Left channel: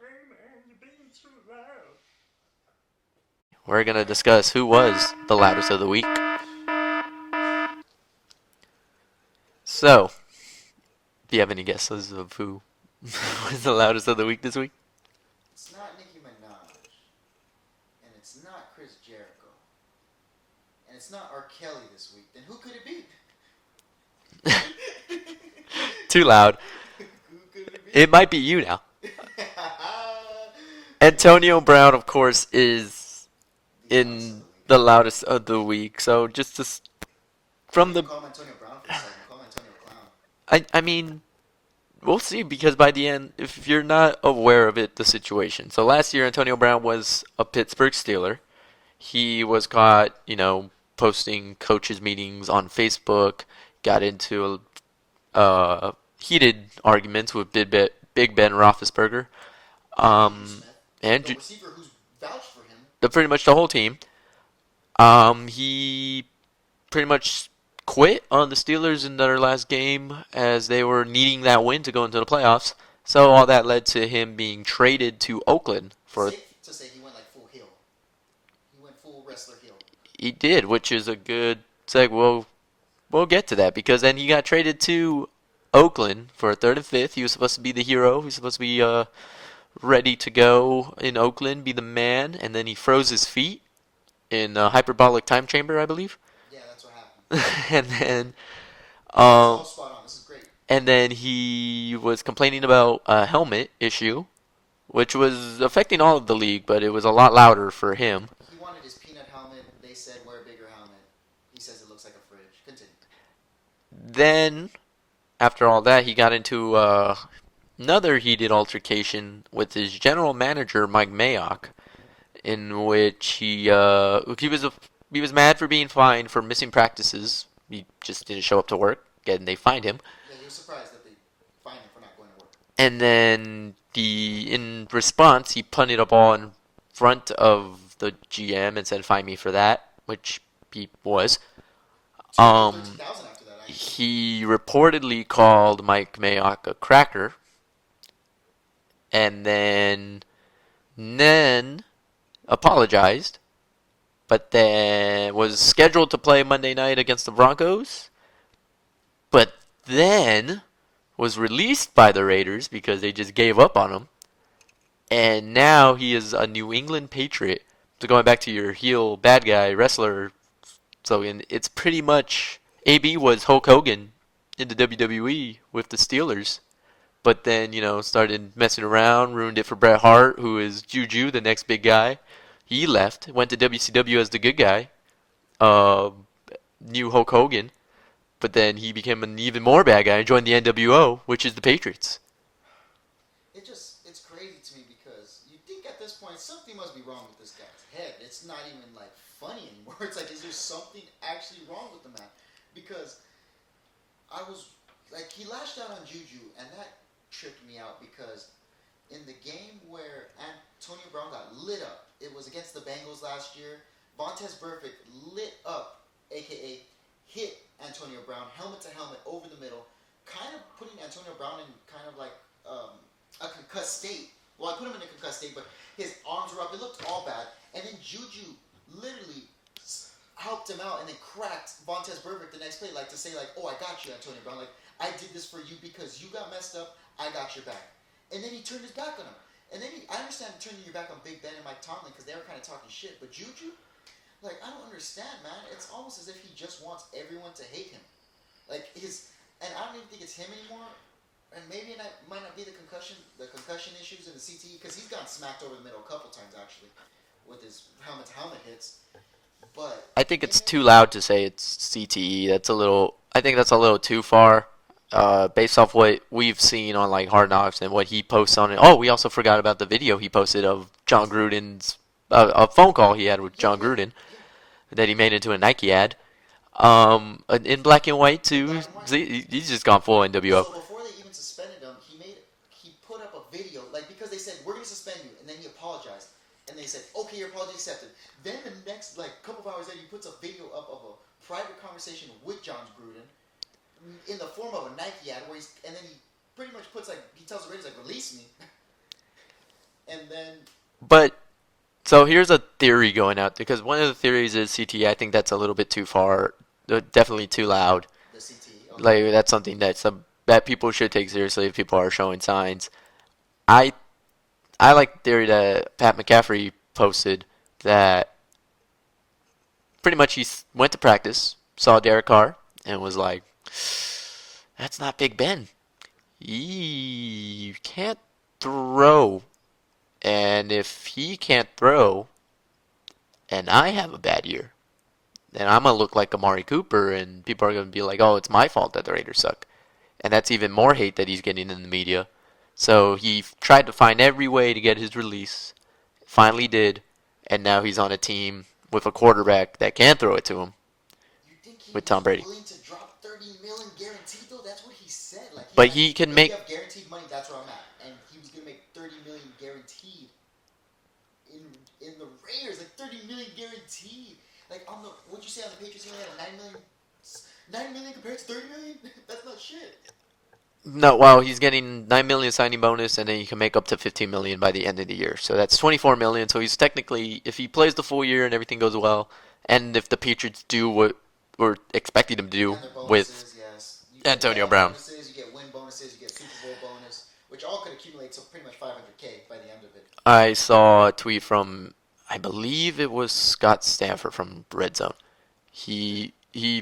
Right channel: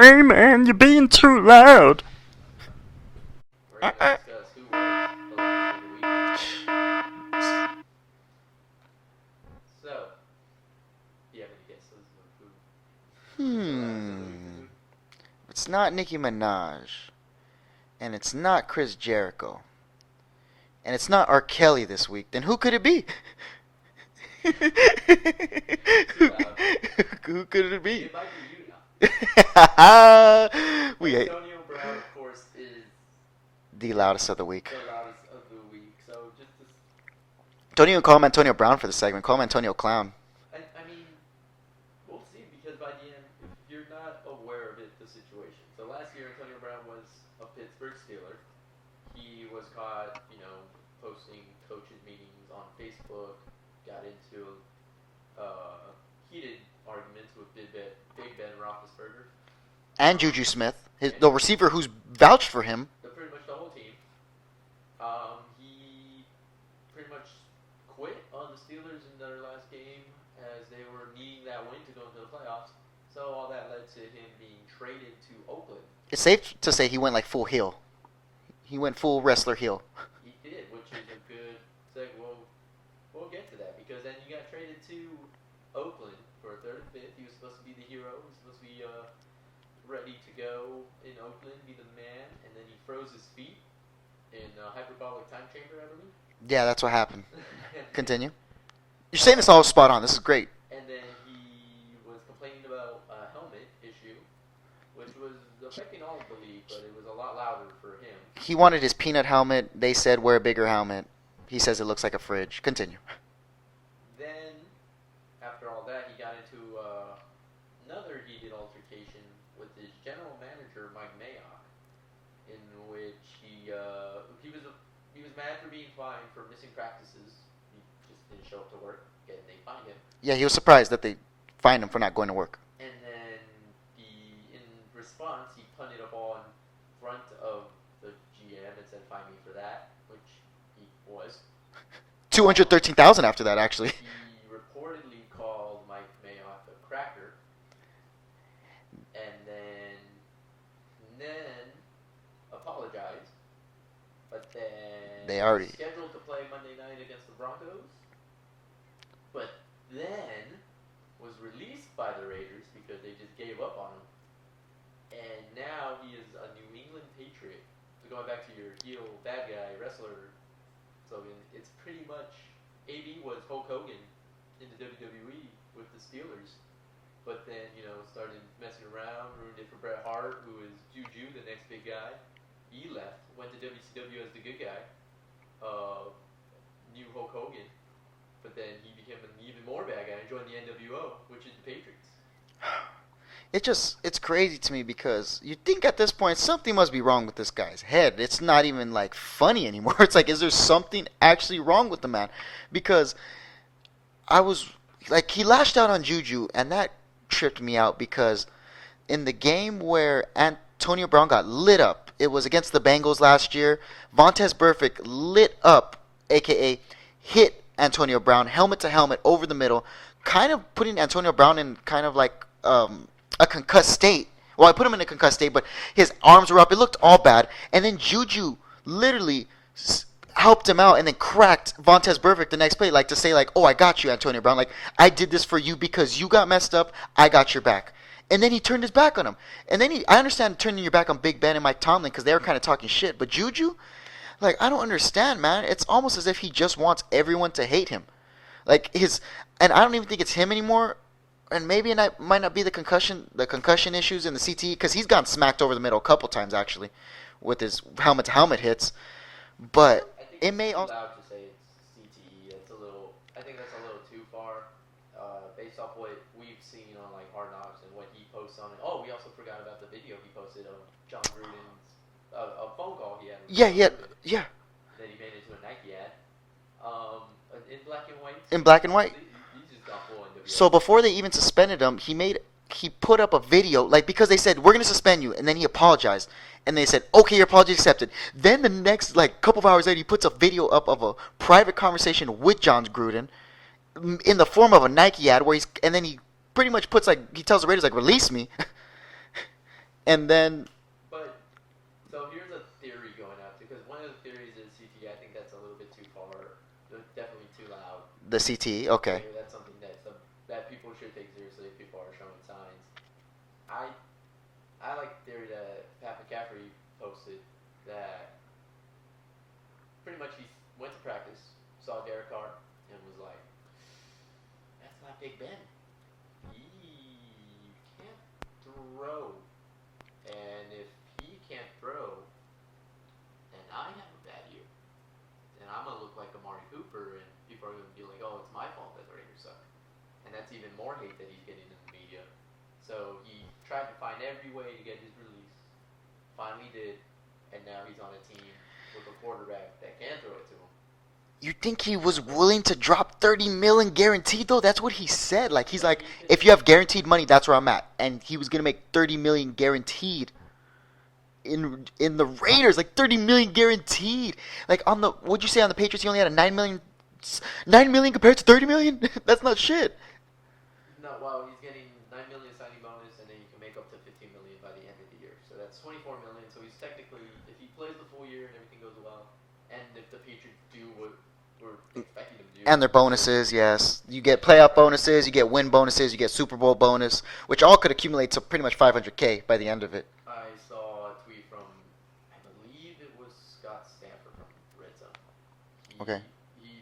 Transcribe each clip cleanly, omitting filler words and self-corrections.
Hey man, you're being too loud. We're going to discuss who was the loudest of the week. So, do you have any guesses of who was the loudest of the week this week? It's not Nicki Minaj, and it's not Chris Jericho, and it's not R. Kelly this week. Then who could it be? Too loud. Who could it be? It might be you now. Yeah. Antonio Brown, of course, is The loudest of the week. The loudest of the week. So just to Don't even call him Antonio Brown for the segment. Call him Antonio Clown. I mean, we'll see, because by the end, if you're not aware of it, the situation. So last year, Antonio Brown was a Pittsburgh Steeler. He was caught, posting coaches' meetings on Facebook, got into heated arguments with Big Ben Roethlisberger. And Juju Smith. The receiver who's vouched for him. Pretty much the whole team. He pretty much quit on the Steelers in their last game as they were needing that win to go into the playoffs. So all that led to him being traded to Oakland. It's safe to say he went like full heel. He went full wrestler heel. He did, which is a good segue. We'll get to that, because then he got traded to Oakland for a third and fifth. He was supposed to be the hero. He was supposed to be ready to go in Oakland, be the man, and then he froze his feet in a hyperbolic time chamber, I believe. Yeah, that's what happened. And then you're saying this all spot on. This is great. And then he was complaining about a helmet issue, which was affecting all of the league, but it was a lot louder for him. He wanted his peanut helmet. They said wear a bigger helmet. He says it looks like a fridge. Continue. Then, after all that, he got into another heated altercation with his general manager, Mike Mayock, in which he was mad for being fined for missing practices. He just didn't show up to work, and they fined him. Yeah, he was surprised that they fined him for not going to work. And then in response, he punted a ball in front of the GM and said, "Fine me for that," which he was. 213,000 after that, actually. He reportedly called Mike Mayock a cracker, and then apologized, but then was scheduled to play Monday night against the Broncos, but then was released by the Raiders because they just gave up on him, and now he is a New England Patriot. So going back to your heel bad guy wrestler, so it's pretty much AB was Hulk Hogan in the WWE with the Steelers, but then started messing around, ruined it for Bret Hart, who is Juju, the next big guy. He left, went to WCW as the good guy, new Hulk Hogan, but then he became an even more bad guy and joined the NWO, which is the Patriots. It's crazy to me because you think at this point something must be wrong with this guy's head. It's not even like funny anymore. It's like, is there something actually wrong with the man? Because I was like, he lashed out on Juju, and that tripped me out because in the game where Antonio Brown got lit up, it was against the Bengals last year. Vontaze Burfict lit up, aka hit Antonio Brown helmet to helmet over the middle, kind of putting Antonio Brown in kind of like a concussed state. Well, I put him in a concussed state, but his arms were up. It looked all bad. And then Juju literally helped him out and then cracked Vontaze Burfict the next play, like to say, like, "Oh, I got you, Antonio Brown. Like, I did this for you because you got messed up. I got your back." And then he turned his back on him. And then I understand turning your back on Big Ben and Mike Tomlin because they were kind of talking shit. But Juju, like, I don't understand, man. It's almost as if he just wants everyone to hate him. Like and I don't even think it's him anymore. And maybe it might not be the concussion issues in the CTE, because he's gotten smacked over the middle a couple times actually, with his helmet hits. But I think it's too loud to say it's CTE. I think that's a little too far, based off what we've seen on like Hard Knocks and what he posts on it. Oh, we also forgot about the video he posted of John Gruden's a phone call he had with John Gruden. Yeah. That he made into a Nike ad. In black and white too. In black and white. He's just gone full NWO. So before they even suspended him, he put up a video, like, because they said we're gonna suspend you, and then he apologized, and they said, okay, your apology accepted. Then the next like couple of hours later, he puts a video up of a private conversation with John Gruden, in the form of a Nike ad, and then he pretty much puts, like, he tells the Raiders, like, release me. And then But so here's a theory going out because one of the theories is CTE. I think that's a little bit too far, definitely too loud. the CTE, okay. Like that's something that people should take seriously if people are showing signs. I I like the theory that Pat McCaffrey posted that pretty much went to practice, saw Derek Carr, and was like, "That's not Big Ben. You can't throw, and if he can't throw, and I have a bad year, then I'm gonna look like Amari Cooper, and people are gonna be like, oh, it's my fault that the Raiders suck." And that's even more hate that he's getting in the media. So he tried to find every way to get his release. Finally did, and now he's on a team with a quarterback that can throw it to him. You think he With was Tom Brady. willing to drop 30 million guaranteed though? That's what he said. Like he's But like, he can if make- you have guaranteed money, that's where I'm at. And he was gonna make 30 million guaranteed in the Raiders, like 30 million guaranteed. Like on the what'd you say on the Patriots? He only had a 9 million compared to 30 million. That's not shit. No, well, he's getting $9 million signing bonus, and then you can make up to $15 million by the end of the year. So that's $24 million. So he's technically, if he plays the full year and everything goes well, and if the Patriots do what we're expecting them to do, And their with- bonuses, yes. You get Antonio playoff Brown. bonuses, you get win bonuses, you get Super Bowl bonus, which all could accumulate to pretty much 500K by the end of it. I saw a tweet from, I believe it was Scott Stanford from Red Zone. He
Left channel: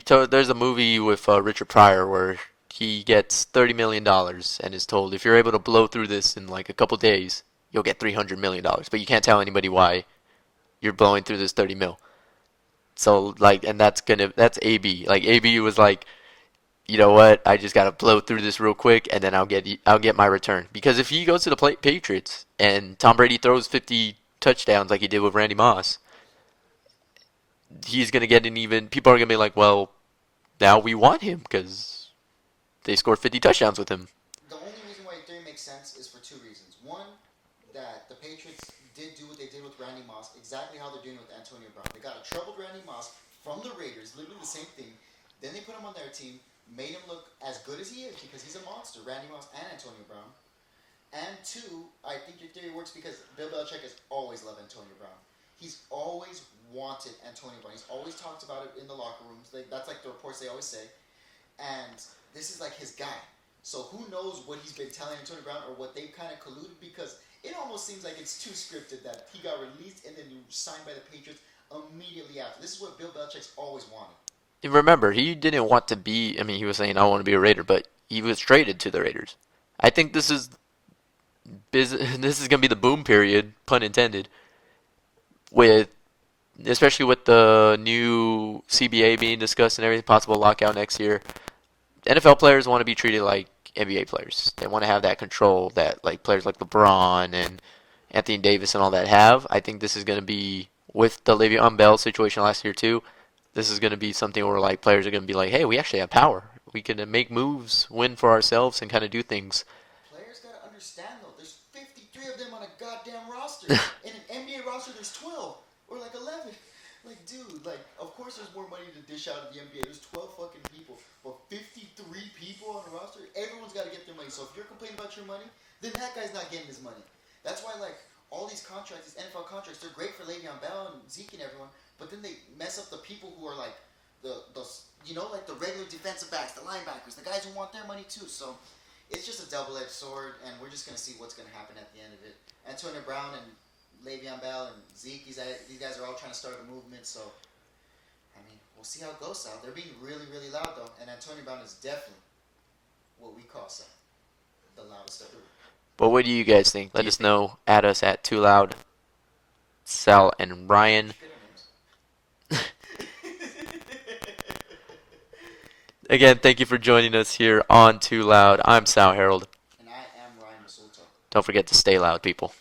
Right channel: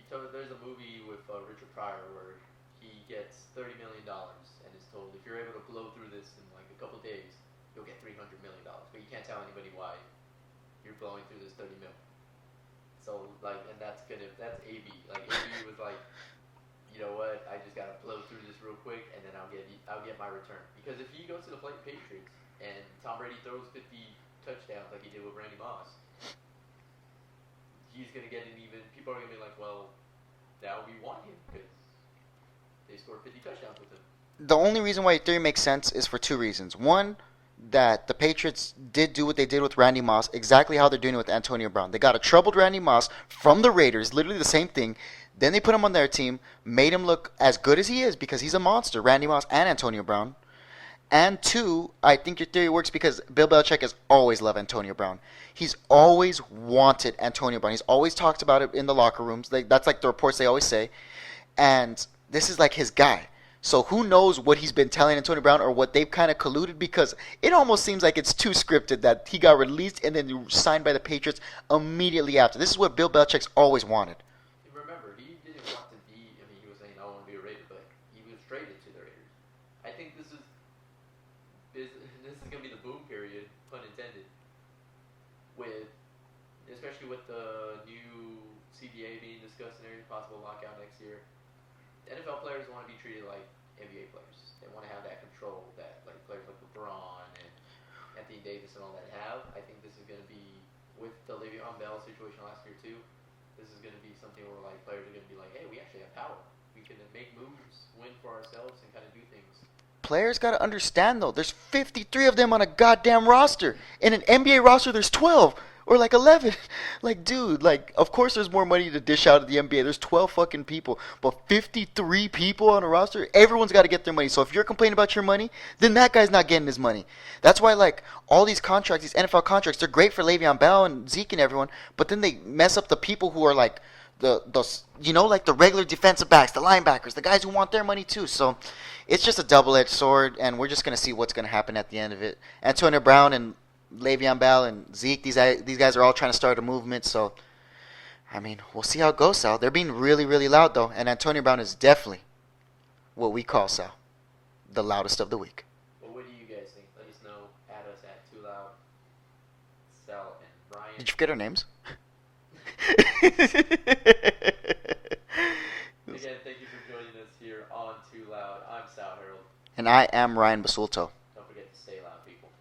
told, there's a movie with Richard Pryor where he gets $30 million and is told, if you're able to blow through this in like a couple days, you'll get $300 million. But you can't tell anybody why you're blowing through this 30 mil. So like, and that's AB. Like AB was like, you know what? I just gotta blow through this real quick, and then I'll get my return. Because if he goes to the Patriots and Tom Brady throws 50 touchdowns like he did with Randy Moss, he's gonna get an even. People are gonna be like, well, now we want him because they scored 50 touchdowns with him. The only reason why your theory makes sense is for two reasons. One, that the Patriots did do what they did with Randy Moss, exactly how they're doing it with Antonio Brown. They got a troubled Randy Moss from the Raiders, literally the same thing. Then they put him on their team, made him look as good as he is because he's a monster, Randy Moss and Antonio Brown. And two, I think your theory works because Bill Belichick has always loved Antonio Brown. He's always wanted Antonio Brown. He's always talked about it in the locker rooms. That's like the reports they always say. And this is like his guy. So who knows what he's been telling Antonio Brown or what they've kind of colluded, because it almost seems like it's too scripted that he got released and then signed by the Patriots immediately after. This is what Bill Belichick's always wanted. And remember, he didn't want to be. I mean, he was saying, "I want to be a Raider," but he was traded to the Raiders. I think this is gonna be the boom period, pun intended, especially with the new CBA being discussed and everything, possible lockout next year. NFL players want to be treated like NBA players. They want to have that control that like players like LeBron and Anthony Davis and all that have. I think this is going to be, with the Le'Veon Bell situation last year too, this is going to be something where like players are going to be like, hey, we actually have power. We can make moves, win for ourselves, and kind of do things. Players got to understand, though, there's 53 of them on a goddamn roster. In an NBA roster, there's 12 or like 11. Like, dude, like, of course there's more money to dish out of the NBA. There's 12 fucking people. But 53 people on a roster, everyone's got to get their money. So if you're complaining about your money, then that guy's not getting his money. That's why, like, all these contracts, these NFL contracts, they're great for Le'Veon Bell and Zeke and everyone, but then they mess up the people who are, like, the like the regular defensive backs, the linebackers, the guys who want their money too. So it's just a double-edged sword, and we're just going to see what's going to happen at the end of it. Antonio Brown and Le'Veon Bell and Zeke, these guys are all trying to start a movement. So, I mean, we'll see how it goes, Sal. They're being really, really loud, though. And Antonio Brown is definitely what we call, Sal, the loudest of the week. But what do you guys think? Let us know. Add us at Too Loud, Sal, and Ryan. Did you get our names? Again, thank you for joining us here on Too Loud. I'm Sal Harold. And I am Ryan Basulto. Don't forget to stay loud, people.